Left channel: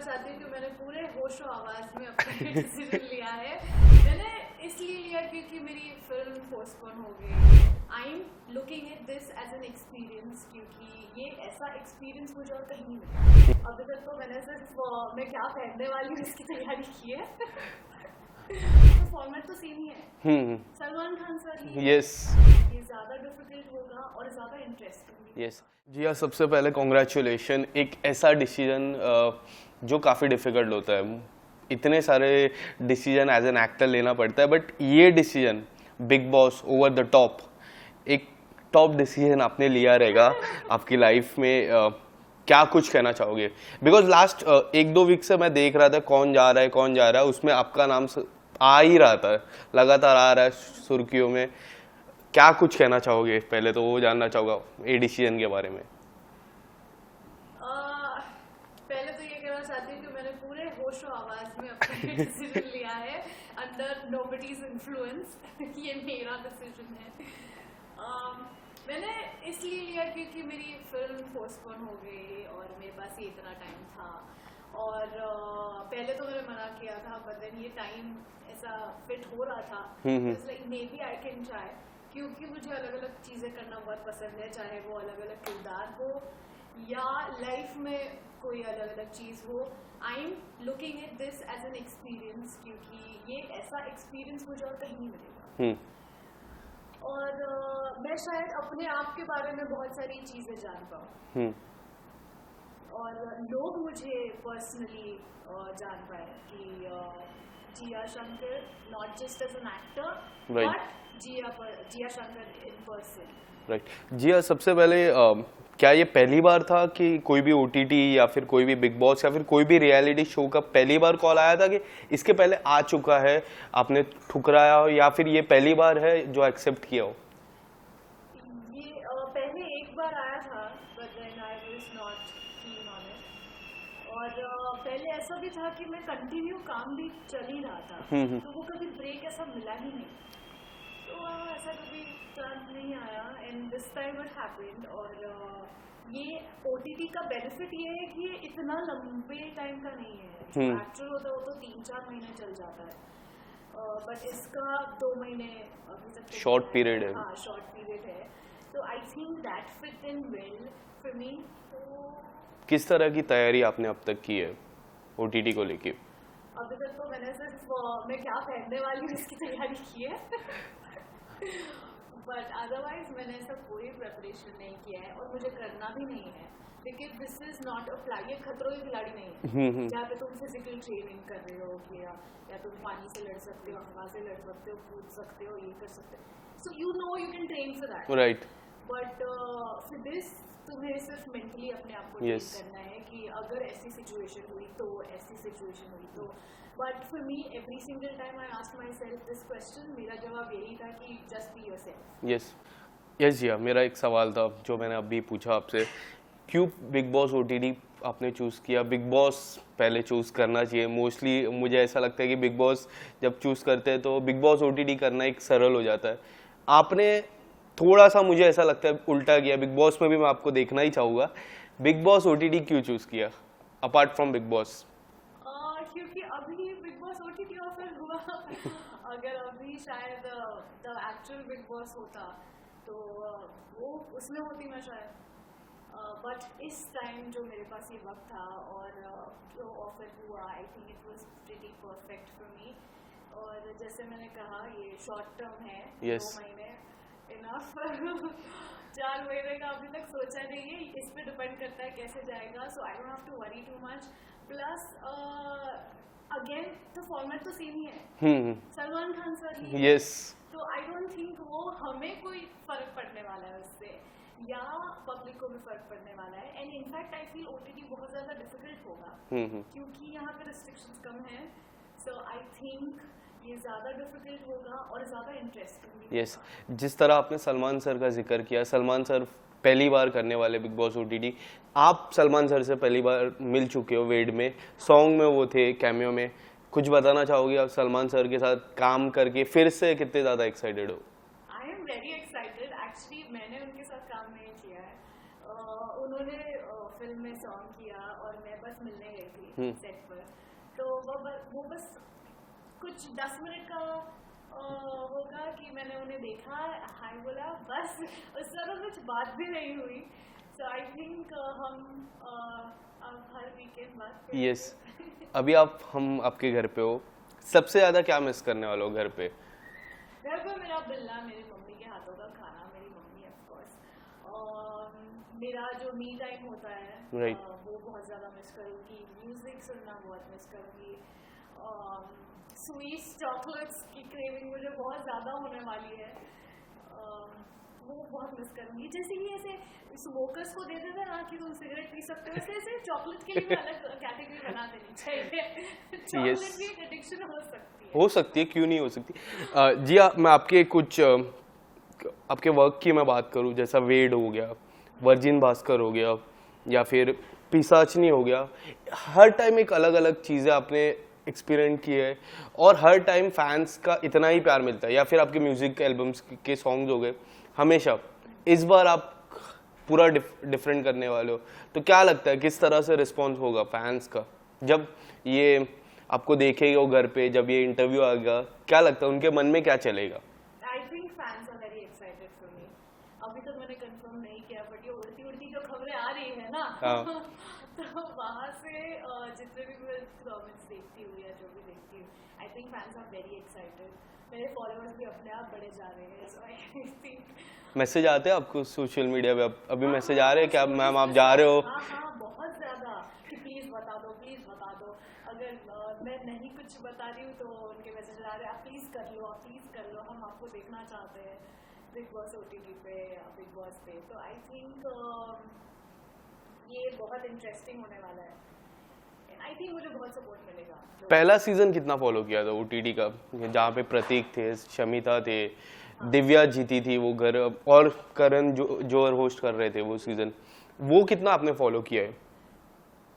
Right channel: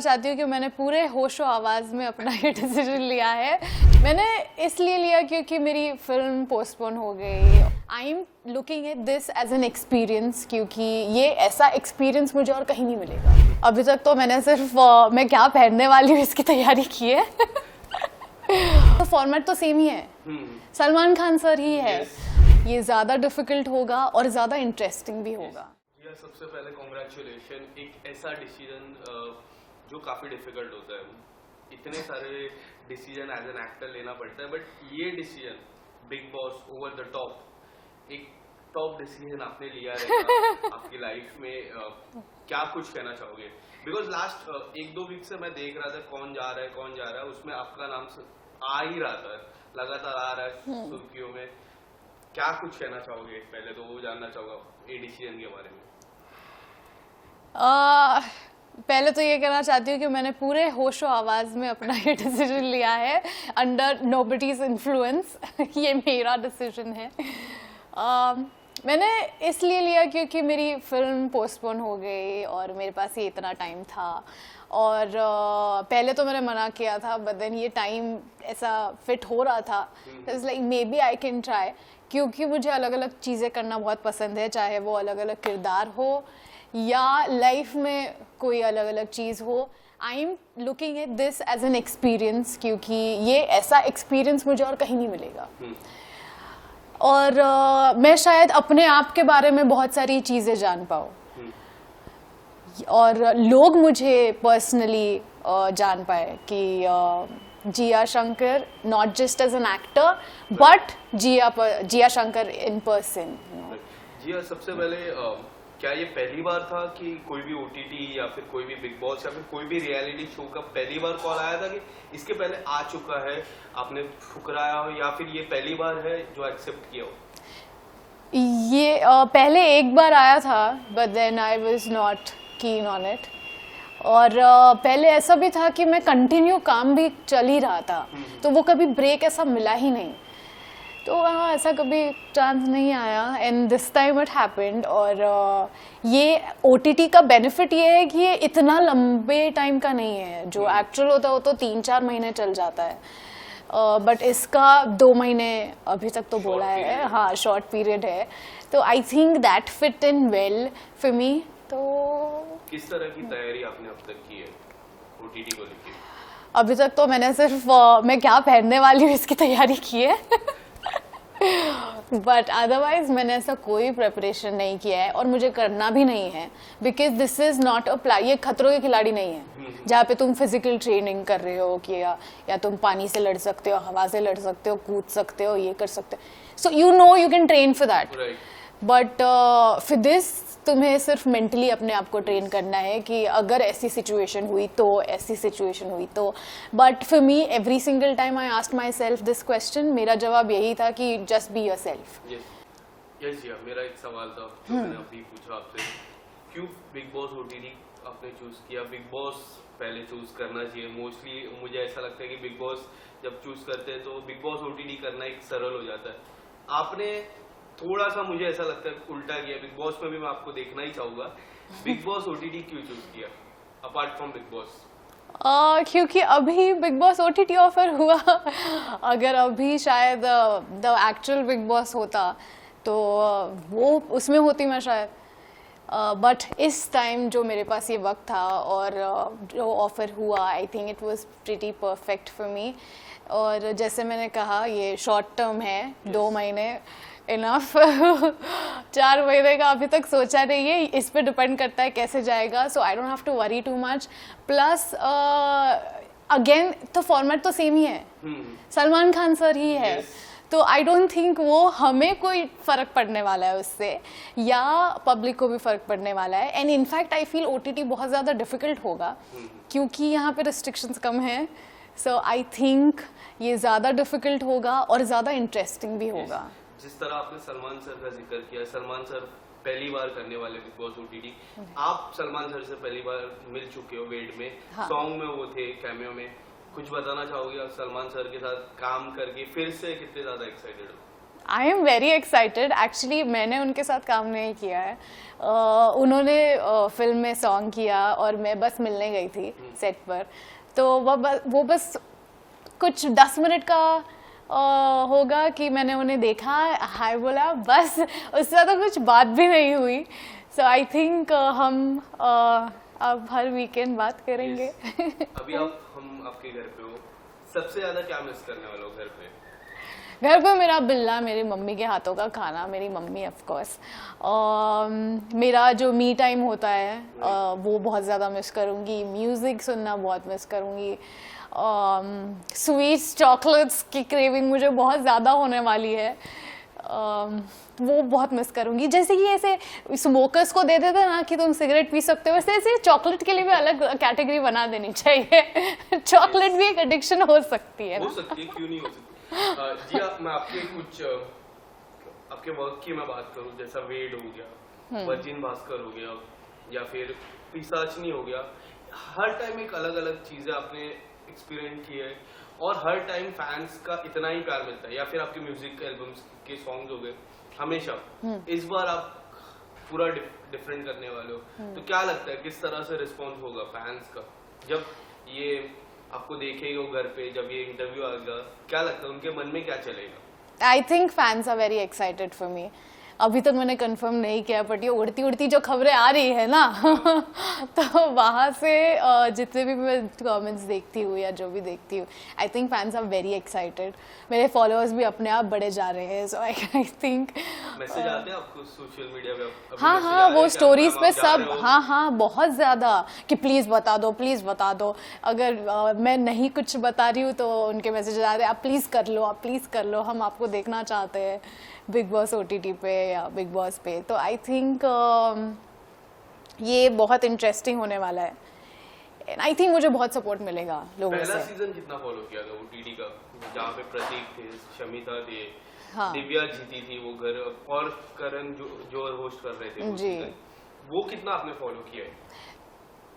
चाहती हूँ कि मैंने पूरे होशो आवाज़ में अपना ये डिसीजन लिया है। मैंने इसलिए लिया क्योंकि मेरी फिल्म पोस्टपोन हो गई। I am looking at this as an experience, क्योंकि ये ऐसा एक्सपीरियंस मुझे और कहीं नहीं मिलेगा। अभी तक तो मैंने सिर्फ मैं क्या पहनने वाली हूँ इसकी तैयारी की है। तो फॉर्मेट तो सेम ही है, सलमान खान सर ही है। ये ज़्यादा डिफिकल्ट होगा और ज़्यादा इंटरेस्टिंग भी होगा। जी हाँ, सबसे पहले कॉन्ग्रेचुलेशन। एक ऐसा डिसीजन जो काफ़ी डिफ़िकल्ट होता है, इतने सारे डिसीजन एज एन एक्टर लेना पड़ता है, बट ये decision big boss over the top, एक टॉप डिसीजन आपने लिया रहेगा आपकी लाइफ में। क्या कुछ कहना चाहोगे? बिकॉज लास्ट 1-2 वीक से मैं देख रहा था कौन जा रहा है, उसमें आपका नाम आ ही रहा था, लगातार आ रहा है सुर्खियों में। क्या कुछ कहना चाहोगे? पहले तो वो जानना चाहूँगा ये डिसीजन के बारे में। पहले तो ये कहना चाहती हूँ कि मैंने पूरे होशो आवाज़ में अपना ये डिसीजन लिया है, अंडर नोबडीज इन्फ्लुएंस। ये मेरा डिसीजन है। मैंने इसलिए लिया क्योंकि मेरी फिल्म पोस्टपोन हो गई और मेरे पास ये इतना टाइम था। और पहले तो मैंने मना किया था, बट देन ये टाइम ऐसा फिट हो रहा था, it's like maybe I can try, क्योंकि मुझे अलग अलग चीज़ें करना बहुत पसंद है, चाहे वो अलग अलग किरदार हो या लाइफ में कोई अलग अलग चीज़ हो। I am looking at this as an experience, क्योंकि ये ऐसा एक्सपीरियंस मुझे और कहीं नहीं मिलेगा। और मैं शायद अपने आप के बारे में बहुत सारी चीज़ें जान पाऊँ और लोग मुझे पर्सनली जान पाए कि Jiya Shankar not just as an actor but Jiya Shankar in person. Jiya, सबसे पहले क्या ये पहली बार था कि कोई भी ओटीटी या फिर कोई भी बिग बॉस या फिर कोई भी रियलिटी शो का पहली बार कॉल आया था कि इसके पहले आ चुका है, आपने ठुकराया हो, या फिर ये पहली बार है जो एक्सेप्ट किया हो? ये पहले एक बार आया था, but then I was not keen on it. और पहले ऐसा भी था कि मैं कंटिन्यू काम भी चल ही रहा था, तो वो कभी ब्रेक ऐसा मिला ही नहीं। तो हाँ, ऐसा कभी चांस नहीं आया, and this time it happened. और ये ओटीटी का बेनिफिट ये है कि ये इतना लंबे टाइम का नहीं है। जो एक्चुअल होता है वो तो 3-4 महीने चल जाता है, बट इसका 2 महीने अभी तक तो बोला है। हाँ, शॉर्ट पीरियड है, तो I think that fit in well for me. तो किस तरह की तैयारी आपने अब तक की है ओटीटी को लेके? अभी तक तो मैंने सिर्फ मैं क्या पहनने वाली हूँ इसकी तैयारी की है। बट अदरवाइज मैंने ऐसा कोई प्रिपरेशन नहीं किया है और मुझे करना भी नहीं है, because this is not a ये खतरों के खिलाड़ी नहीं है जहाँ पे तुम फिजिकल ट्रेनिंग कर रहे हो कि या तुम पानी से लड़ सकते हो, हवा से लड़ सकते हो, कूद सकते हो, ये कर सकते हो। So you know you can train for that, but for this तुम्हें सिर्फ मेंटली अपने आप को ट्रेन करना है कि अगर ऐसी सिचुएशन हुई तो, ऐसी सिचुएशन हुई तो। But for me every single time I asked my self this question, मेरा जवाब यही था कि जस्ट बी योरसेल्फ। यस जिया, मेरा एक सवाल था जो मैंने अभी पूछा आपसे, क्यों बिग बॉस ओटीटी आपने चूज़ किया? बिग बॉस पहले चूज़ करना चाहिए। मोस्टली मुझे ऐसा लगता है कि बिग बॉस जब चूज़ करते हैं तो बिग बॉस ओटीटी करना एक सरल हो जाता है। आपने थोड़ा सा, मुझे ऐसा लगता है, उल्टा किया। बिग बॉस में भी मैं आपको देखना ही चाहूँगा, बिग बॉस ओटीटी क्यों चूज़ किया अपार्ट फ्रॉम बिग बॉस? क्योंकि अभी बिग बॉस ओटीटी ऑफर हुआ। अगर अभी शायद द एक्चुअल बिग बॉस होता तो वो उसमें होती मैं शायद, बट इस टाइम जो मेरे पास ये वक्त था और जो ऑफर हुआ, I think it was pretty perfect for me. और जैसे मैंने कहा, ये शॉर्ट टर्म है, 2 महीने इनफ। 4 महीने का अभी तक सोचा नहीं है, इस पे डिपेंड करता है कैसे जाएगा। So I don't have to worry too much. Plus again तो फॉर्मेट तो सेम ही है, सलमान खान सर ही है। तो आई डोंट थिंक वो हमें कोई फर्क पड़ने वाला है उससे, या पब्लिक को भी फर्क पड़ने वाला है। And in fact I feel OTT बहुत ज़्यादा डिफिकल्ट होगा क्योंकि यहाँ पे रिस्ट्रिक्शंस कम हैं। सो आई थिंक ये ज़्यादा डिफिकल्ट होगा और ज़्यादा इंटरेस्टिंग भी होगा। जिस तरह आपने सलमान सर का जिक्र किया, सलमान सर पहली बार करने वाले बिग बॉस ओटीटी, आप सलमान सर से पहली बार मिल चुके हो वेड में, सॉन्ग में वो थे, कैमियो में। कुछ बताना चाहोगे आप सलमान सर के साथ काम करके फिर से कितने ज़्यादा एक्साइटेड हो? I am very excited. Actually मैंने उनके साथ काम नहीं किया है। उन्होंने फिल्म में सॉन्ग किया और मैं बस मिलने गई थी सेट पर, तो वो बस कुछ 10 मिनट का होगा कि मैंने उन्हें देखा, हाय बोला, बस उससे तो कुछ बात भी नहीं हुई। सो आई थिंक हम अब हर वीकेंड बात करेंगे। Yes. अभी हम आपके घर पे हो, सबसे ज्यादा क्या मिस करने वाले हो घर पे? घर पे मेरा बिल्ला, मेरी मम्मी के हाथों का खाना, मेरी मम्मी ऑफ कोर्स, मेरा जो मी टाइम होता है वो बहुत ज़्यादा मिस करूँगी। म्यूज़िक सुनना बहुत मिस करूँगी। स्वीट्स, चॉकलेट्स की क्रेविंग मुझे बहुत ज़्यादा होने वाली है, वो बहुत मिस करूँगी। जैसे कि ऐसे स्मोकर्स को दे देते ना कि तुम सिगरेट पी सकते हो, वैसे ऐसे चॉकलेट के लिए भी अलग कैटेगरी बना देनी चाहिए। चॉकलेट भी एक एडिक्शन हो सकती है। हो सकती है, क्यों नहीं हो सकती। जी आप, मैं आपके कुछ आपके वर्क की मैं बात करूँ, जैसा वेड हो गया, वर्जिन भास्कर हो गया, या फिर पिसाचनी हो गया, हर टाइम एक अलग अलग चीज़ें आपने एक्सपीरियंस की है और हर टाइम फैंस का इतना ही प्यार मिलता है। या फिर आपके म्यूजिक एल्बम्स के सॉन्ग्स हो गए, हमेशा इस बार आप पूरा डिफरेंट करने वाले हो, तो क्या लगता है किस तरह से रिस्पॉन्स होगा फैंस का जब ये आपको देखेगा घर पे, जब ये इंटरव्यू आएगा, क्या लगता है उनके मन में क्या चलेगा? I think fans are very excited for me. अभी तक मैंने कंफर्म नहीं किया, बट ये उड़ती उड़ती जो खबरें आ रही है ना तो वहाँ से जितने भी मैं कमेंट्स देखती हूँ या जो भी देखती हूँ, I think fans are very excited. मेरे फॉलोअर्स भी अपने आप बढ़े जा रहे हैं, सो आई थिंक मैसेज आते हैं आपको सोशल मीडिया पे? अभी हाँ मैसेज हाँ, आ रहे वो हैं स्टोरीज पे सब, हाँ हाँ बहुत ज़्यादा कि प्लीज़ बता दो, प्लीज़ बता दो। अगर मैं नहीं कुछ बता रही हूँ तो उनके मैसेज आ रहे हैं, आप प्लीज़ कर लो, आप प्लीज़ कर लो, हम आपको देखना चाहते हैं बिग बॉस OTT पे या बिग बॉस पे। तो आई थिंक ये बहुत इंटरेस्टिंग होने वाला है। आई थिंक मुझे बहुत सपोर्ट मिलेगा लोगों पहला से। सीजन कितना फॉलो किया था OTT का, जहाँ पे प्रतीक थे, शमिता थे, दिव्या जीती थी वो घर, और करण जो होस्ट कर रहे थे वो सीजन, वो कितना आपने फॉलो किया है?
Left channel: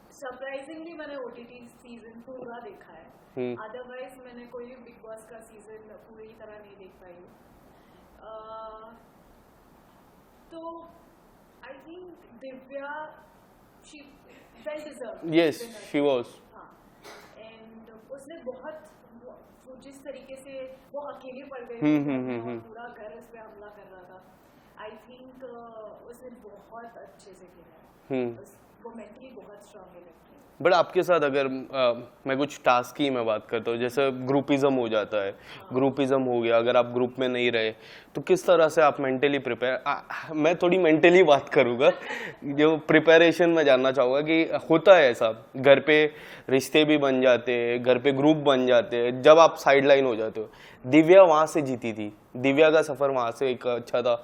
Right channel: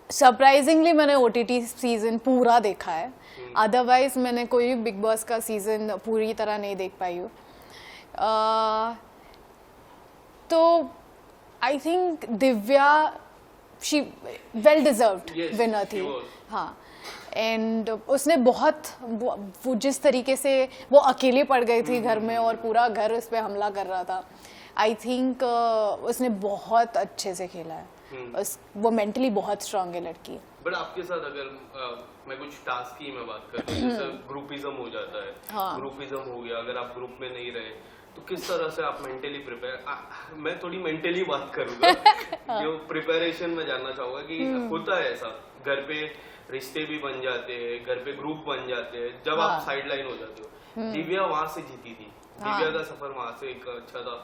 सरप्राइजिंगली मैंने OTT सीजन पूरा देखा है, अदरवाइज मैंने कोई बिग बॉस का सीजन पूरी तरह नहीं देख पाई हूँ। तो I think Divya, she well deserved winner थी। हाँ, एंड उसने बहुत वो जिस तरीके से वो अकेले पड़ गई थी घर में और पूरा घर उस पर हमला कर रहा था, आई थिंक उसने बहुत अच्छे से खेला है। वो मेंटली बहुत स्ट्रांग है लड़की। बट आपके साथ अगर मैं कुछ टास्क की मैं बात करता हूँ, जैसे ग्रुपिज्म हो जाता है, ग्रुपिज्म हो गया, अगर आप ग्रुप में नहीं रहे तो किस तरह से आप मेंटली प्रिपेयर, मैं थोड़ी मेंटली बात करूंगा जो प्रिपरेशन में जानना चाहूंगा कि होता है ऐसा, घर पे रिश्ते भी बन जाते हैं, घर पे ग्रुप बन जाते हैं जब आप साइडलाइन हो जाते हो। दिव्या वहां से जीती थी, दिव्या का सफर वहां से एक अच्छा था।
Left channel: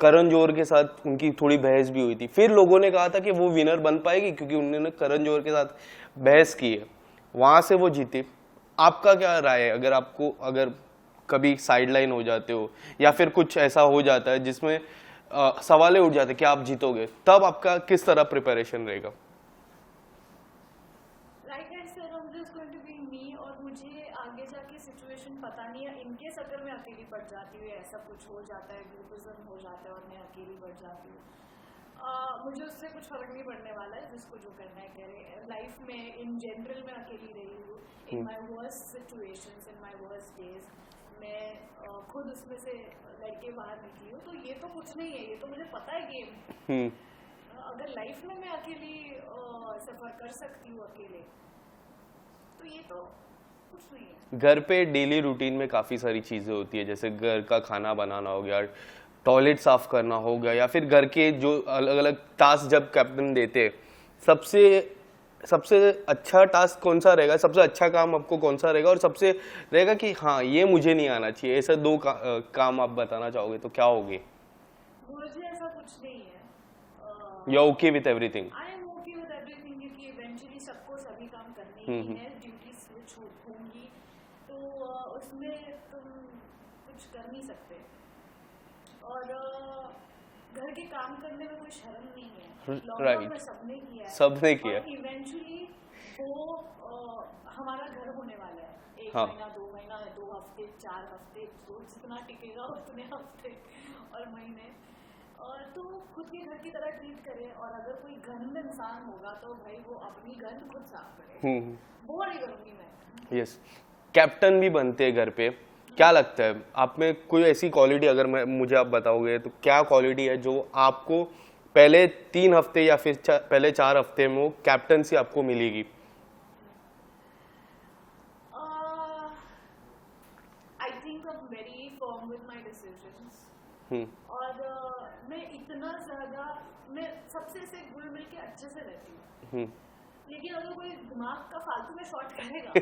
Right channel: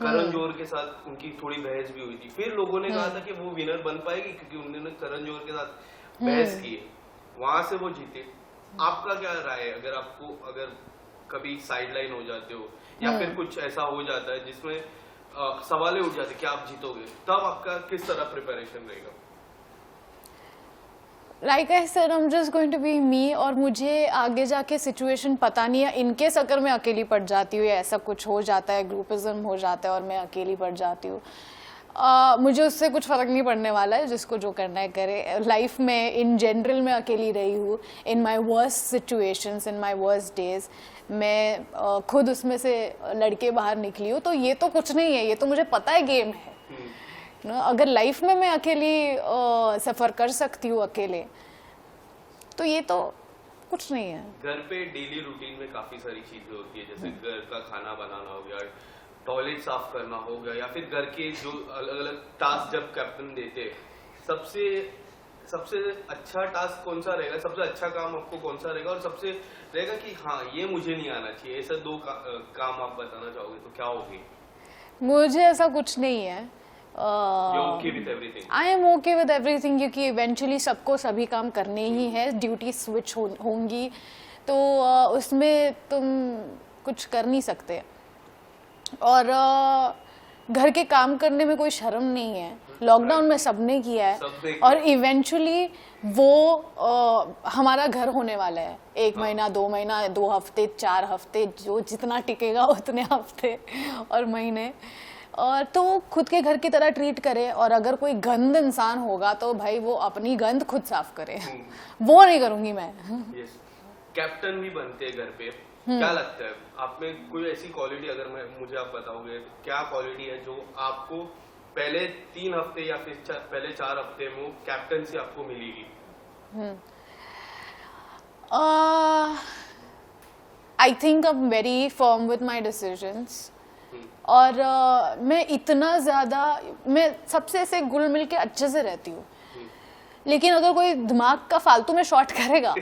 करण जौहर के साथ उनकी थोड़ी बहस भी हुई थी, फिर लोगों ने कहा था कि वो विनर बन पाएगी क्योंकि उन्होंने करण जौहर के साथ बहस की है, वहां से वो जीते। आपका क्या राय है, अगर आपको अगर कभी साइडलाइन हो जाते हो या फिर कुछ ऐसा हो जाता है जिसमें सवालें उठ जाते कि आप जीतोगे, तब आपका किस तरह प्रिपरेशन रहेगा? Like I said, I am just going to be me, और मुझे आगे जाके सिचुएशन पता नहीं है। इनके अगर मैं अकेली पड़ जाती हूँ या ऐसा कुछ हो जाता है, ग्रुपिज्म हो जाता है और मैं अकेली पड़ जाती हूँ, मुझे उससे कुछ फ़र्क नहीं पड़ने वाला है, जिसको जो करना है करे। लाइफ में इन जनरल मैं अकेली रही हूँ, in my worst situations, in my worst days, मैं खुद उसमें से लड़के बाहर निकली हूँ। तो ये तो कुछ नहीं है, ये तो मुझे पता है गेम है। अगर लाइफ में मैं अकेली सफ़र कर सकती हूँ अकेले, तो ये तो कुछ नहीं है। घर पे डेली रूटीन में काफ़ी सारी चीज़ें होती है, जैसे घर का खाना बनाना हो गया, टॉयलेट साफ करना हो गया, या फिर घर के जो अलग अलग टास्क जब कैप्टन देते, सबसे अच्छा टास्क कौन सा रहेगा, सबसे अच्छा काम आपको कौन सा रहेगा, और सबसे रहेगा कि हाँ ये मुझे नहीं आना चाहिए, ऐसे दो काम आप बताना चाहोगे तो क्या होगे? मुझे ऐसा कुछ नहीं है। You're okay with everything? I am okay with everything, क्योंकि इवेंचुअली सबको सभी काम करने ही है, ड्यूटी स्विच होंगी, तो उसमें तुम कुछ कर नहीं सकते। और घर के काम करने में कोई शर्म नहीं है, लॉकडाउन में सबने किया है, और इवेंचुअली वो हमारा घर होने वाला है, 1 महीना 2 महीना 2 हफ्ते 4 हफ्ते, जो जितना टिकेगा उतने हफ्ते और महीने, और तो वो खुद के घर की तरह ट्रीट करे। और अगर कोई गंद इंसान होगा तो भाई वो अपनी गंद खुद साफ करे, वो नहीं करूंगी मैं। यस, कैप्टन भी बनते हैं घर पे, क्या लगता है आप में कोई ऐसी क्वालिटी, अगर मुझे आप बताओगे तो क्या क्वालिटी है जो आपको पहले 3 हफ्ते या फिर पहले 4 हफ्ते में कैप्टन से आपको मिलेगी? I think I am very firm with my decisions, और मैं इतना ज़्यादा, मैं सबसे ऐसे घुल मिल के अच्छे से रहती हूँ, लेकिन अगर कोई दिमाग का फालतू में शॉर्ट करेगा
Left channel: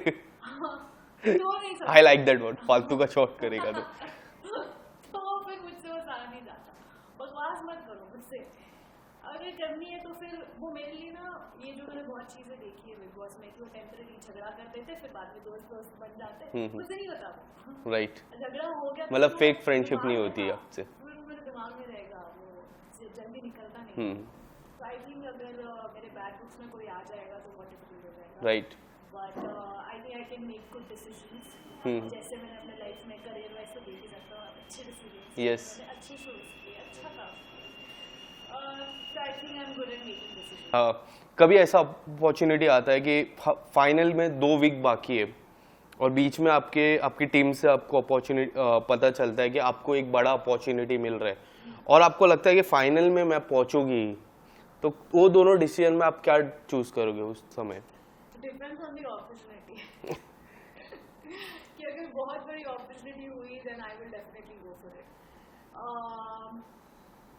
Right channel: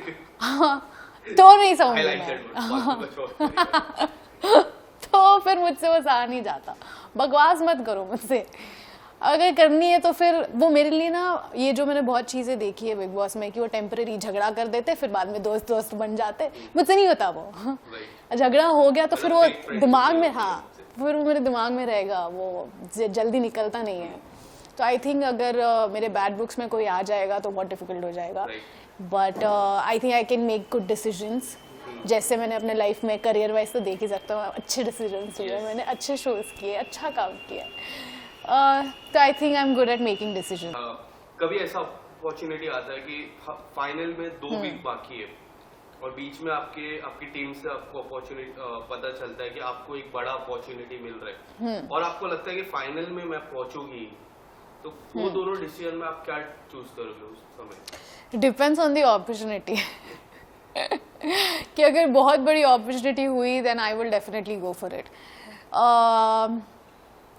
तो नहीं समझ। आई लाइक दैट वर्ड, फालतू का शॉर्ट करेगा तो फिर मुझसे वो सहा नहीं जाता। बकवास मत करो मुझसे, अगर करनी है तो फिर वो मेरे लिए ना, ये जो मैंने बहुत चीजें देखी है बिग बॉस में कि वो टेम्परेरी झगड़ा कर देते फिर बाद में दोस्त दोस्त बन जाते, मुझसे नहीं होता वो। राइट, झगड़ा हो गया तो फिर वो fake friendship दिमाग नहीं में, होती है हाँ उससे। फिर वो मेरे दिमाग में रहेगा, वो जल्दी निकलता नहीं है। तो आई थिंक अगर मेरे बैड बुक्स में कोई आ जाएगा तो बहुत डिफिकल्ट हो जाएगा, but I think I can make good decisions. जैसे मैंने अपने लाइफ में करियर वाइज तो देख ही सकता हूँ, अच्छे डिसीजंस लिए, मैंने अच्छे शोज किए, अच्छा काम किया, तो I think I am good at making decision. कभी ऐसा अपॉर्चुनिटी आता है कि फाइनल में 2 वीक बाकी है और बीच में आपकी टीम से आपको अपॉर्चुनिटी पता चलता है कि आपको एक बड़ा अपॉर्चुनिटी मिल रहा है और आपको लगता है कि फाइनल में मैं पहुंचूंगी, तो वो दोनों डिसीजन में आप क्या चूज करोगे उस समय? डिपेंड्स ऑन द अपॉर्चुनिटी कि अगर बहुत बड़ी अपॉर्चुनिटी हुई then I will definitely go for it,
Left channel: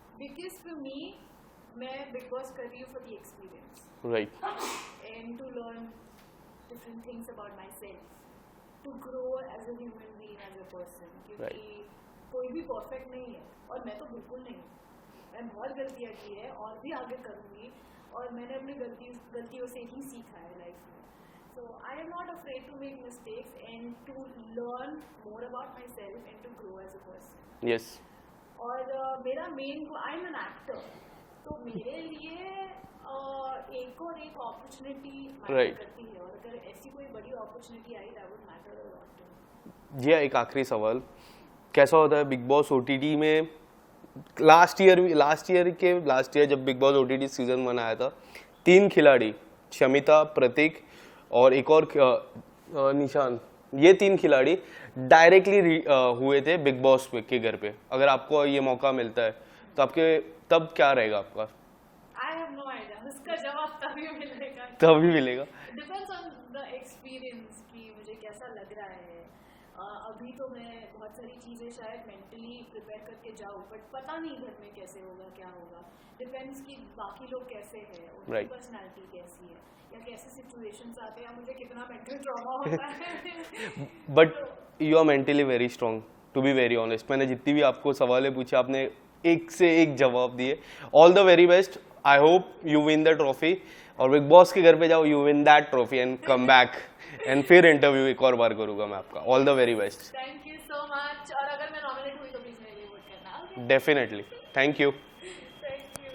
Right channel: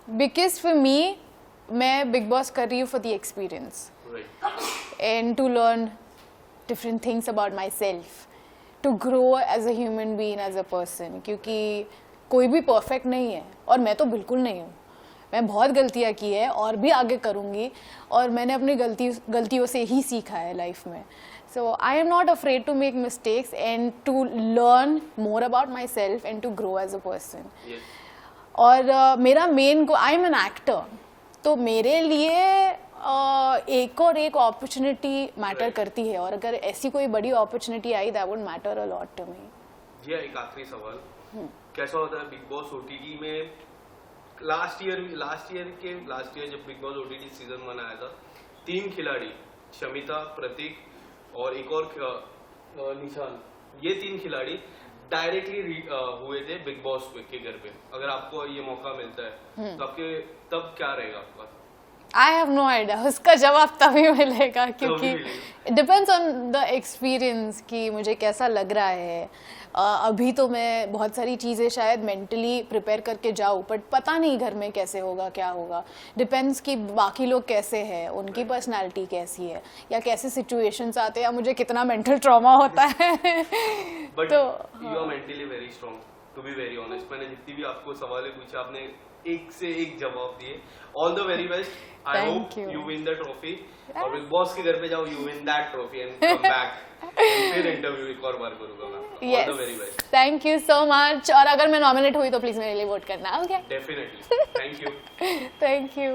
because for me, मैं बिग बॉस कर रही हूँ for the experience, right, and to learn different things about myself, to grow as a human being, as a person, क्योंकि कोई भी perfect नहीं है और मैं तो बिल्कुल नहीं हूँ। मैं बहुत गलतियाँ की है और भी आगे करूँगी, और मैंने अपनी गलतियों से ही सीखा है लाइफ में। So I am not afraid to make mistakes and to learn more about myself and to grow as a person. Yes, और मेरा main I am an actor, तो मेरे लिए एक और एक अपॉर्चुनिटी मैटर करती है, और अगर ऐसी कोई बड़ी अपॉर्चुनिटी आई that would matter a lot to me. जी, एक आखिरी सवाल, कैसा होता है बिग बॉस ओटीटी में? लास्ट ईयर जब बिग बॉस ओटीटी सीजन 1 आया था, 3 खिलाड़ी, शमिता, प्रतीक और एक और निशान, ये 3 खिलाड़ी डायरेक्टली हुए थे बिग बॉस के घर पे। अगर आपको ये मौका मिलता है तो आपके तब क्या रहेगा आपका? आई हैव नो आइडिया, उसका जवाब तभी मिलेगा, तभी मिलेगा। डिपेंड्स ऑन द एक्सपीरियंस कि मुझे कैसा लग रहा है। अभी तो मैं बहुत सारी चीज़ें शायद मेंटली प्रिपेयर करके जाऊँ, बट पता नहीं घर में कैसे होगा, क्या होगा। डिपेंड्स कि बाकी लोग कैसे हैं, उनकी पर्सनालिटी कैसी है, या कैसे सिचुएशंस आते हैं, या मुझे कितना मेंटल ट्रॉमा होता है। But you are mentally very strong, to be very honest. मैंने जितनी भी आपको सवालें पूछे, आपने एक से एक जवाब दिए। All the very best, I hope you win the trophy, और बिग बॉस के घर पे जाओ, you win that trophy and come back, and फिर इंटरव्यू एक और बार करूंगा मैं आपका। All the very best, thank you so much, और अगर मैं नॉमिनेट हुई तो प्लीज मेरे लिए वोट करना, okay? Definitely, thank you. Thank you.